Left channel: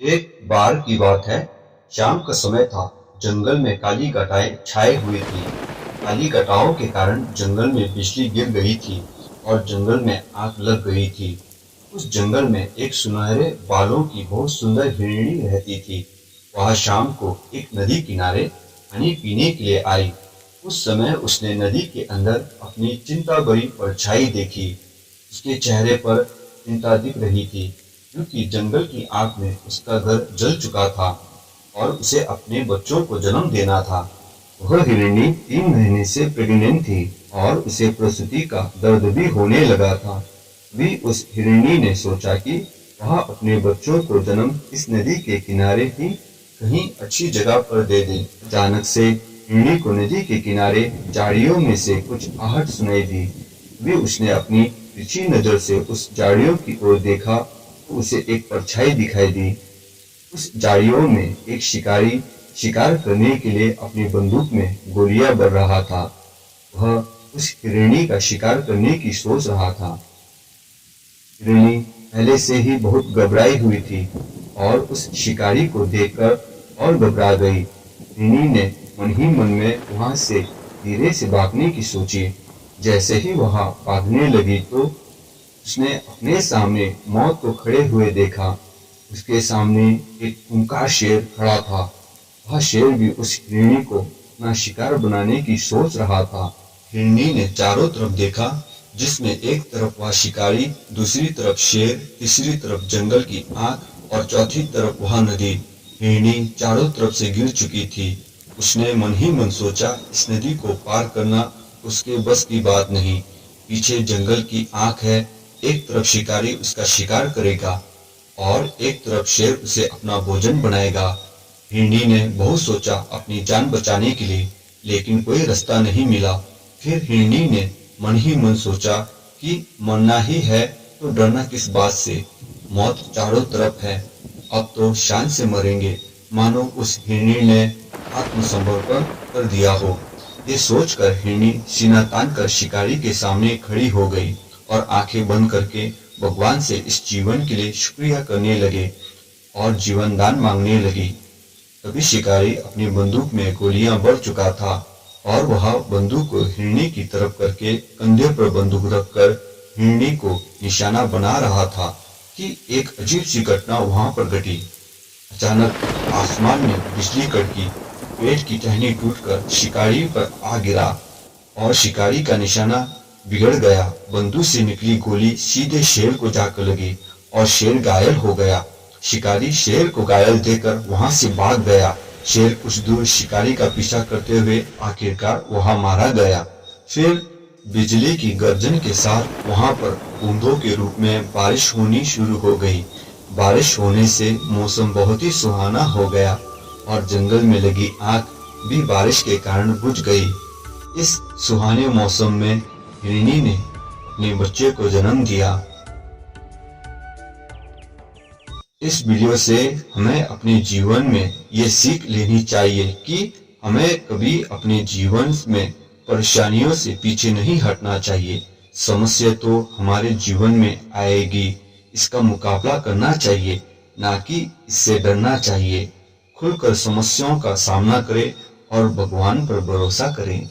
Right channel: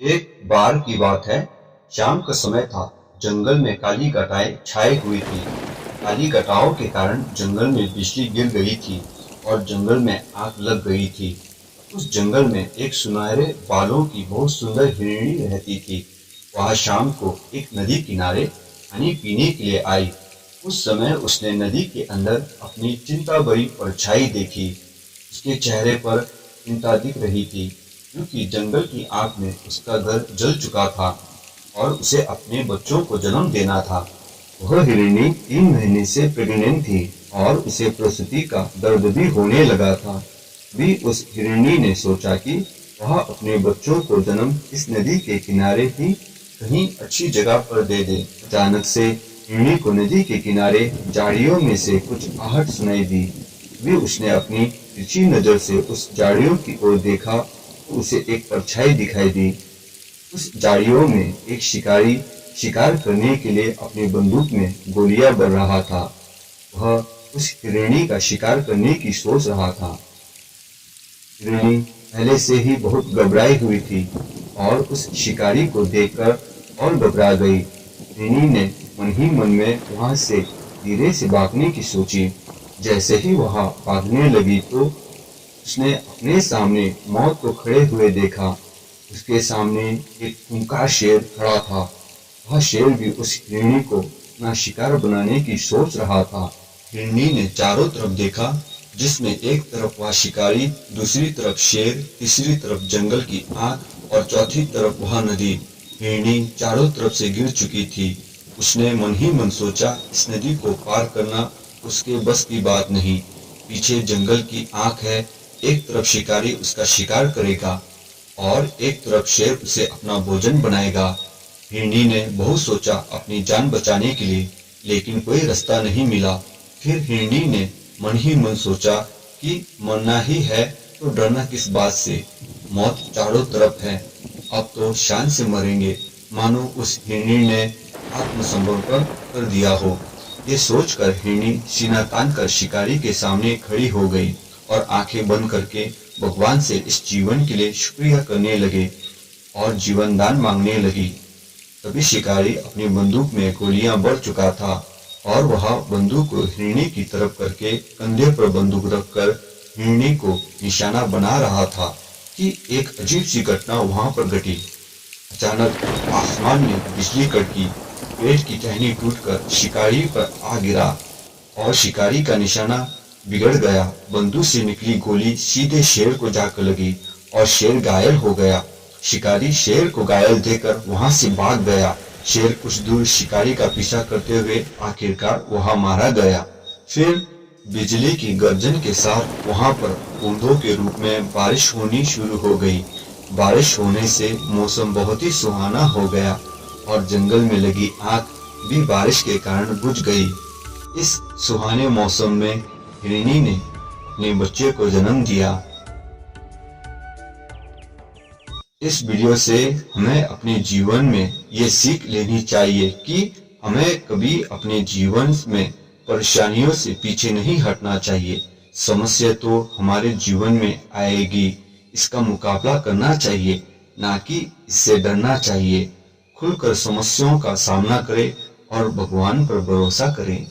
एक बार की बात है, शाम का समय था। जंगल में काली घटाएं छाई हुई थी। काली घटाओं के कारण जंगल में बिजली गिर गई थी और जंगल में आग लग गई थी। उस जंगल में एक सुनहरे बालों की बहुत सुंदर हिरणी रहती थी। वह शाम को एक नदी किनारे पानी पीने के लिए आई। उस समय उसने नदी के अंदर अपनी चिंता भरी परछाई देखी। उसके चेहरे पर चिंता दिख रही थी, क्योंकि जंगल की आग में उसका घर जल चुका था और उसे अपने बच्चों को जन्म देना था। वह हिरणी 3 महीने से प्रेग्नेंट थी और उसे प्रसूति का दर्द भी होने लगा था। भी उस हिरणी ने सोचा कि वह अपने बच्चों को जन्म इस नदी के किनारे ही कहीं अच्छी जगह पर दे दे। अचानक से हिरणी को नदी के किनारे झाड़ियों में से कुछ आहट सुनाई दी। भी उसने अपनी तिरछी नजर से उस झाड़ियों की ओर देखा तो उसे एक परछाई दिखाई दी। उस झाड़ियों में एक शिकारी शिकार करने के लिए अपनी बंदूक में गोलियां भर रहा था। वह उस हिरणी का शिकार करने की सोच रहा था। हिरणी पहले से ही बहुत घबराई हुई थी और उस शिकारी को देखकर और घबरा गई। हिरणी ने मन ही मन में वहां से धीरे से भागने की सोची। जैसे ही वह भागने लगी तो उसने अपने सामने मौत को खड़े हुए देखा। उसके सामने एक खूंखार शेर खड़ा था। वह शेर भी उस हिरणी को अपना शिकार बनाने की सोच रहा था। हिरणी ने चारों तरफ देखा, जिसमें एक तरफ वह शिकारी, दूसरी तरफ शेर, तीसरी तरफ जंगल की आग और चौथी तरफ वह नदी। हिरणी चारों तरफ से गिर चुकी थी। उसने मन ही मन सोचा, इस नदी को पार करना उसके बस की बात नहीं। पीछे जंगल की आग है, एक तरफ शिकारी उसका शिकार करेगा और एक तरफ शेर उसे अपना भोजन बनाएगा। हिरणी ने बहुत सोचा अपनी जान बचाने के लिए, लेकिन कोई रास्ता नहीं मिला। फिर हिरणी ने मन ही मन सोचा कि मरना ही है तो डरना किस बात से, मौत चारों तरफ है, अब तो शान से मरेंगे। मानो उस हिरणी ने आत्मसमर्पण कर दिया हो। ये सोचकर हिरणी सीना तानकर शिकारी के सामने खड़ी हो गई और आंखें बंद करके भगवान से इस जीवन के लिए शुक्रिया करने लगे और जीवन दान मांगने लगी। तभी शिकारी अपनी बंदूक में गोलियां भर चुका था और वह बंदूक को हिरणी की तरफ करके कंधे पर बंदूक रखकर हिरणी को निशाना बना रहा था कि एक अजीब सी घटना वहां पर घटी। अचानक आसमान में बिजली कड़की, पेड़ की टहनी टूटकर शिकारी पर आ गिरा और शिकारी का निशाना बिगड़ गया। बंदूक से निकली गोली सीधे शेर को जाकर लगी और शेर घायल हो गया। शिकारी शेर को घायल देकर वहां से भाग गया। शेर कुछ दूर शिकारी का पीछा करते हुए आखिरकार वहां मारा गया। फिर बिजली की गर्जन के साथ वहां पर बूंदों के रूप में बारिश होनी शुरू हो गई। बारिश होने से मौसम बहुत ही सुहाना हो गया और जंगल में लगी आग भी बारिश के कारण बुझ गई। इस सुहाने मौसम में हिरणी ने अपने बच्चे को जन्म दिया। इस वीडियो से हमें अपने जीवन में ये सीख लेनी चाहिए कि हमें कभी अपने जीवन में परेशानियों से पीछे नहीं हटना चाहिए। समस्या तो हमारे जीवन में आएगी, इसका मुकाबला करना चाहिए, ना कि इससे डरना चाहिए। खुलकर समस्याओं का सामना करें और भगवान पर भरोसा करें।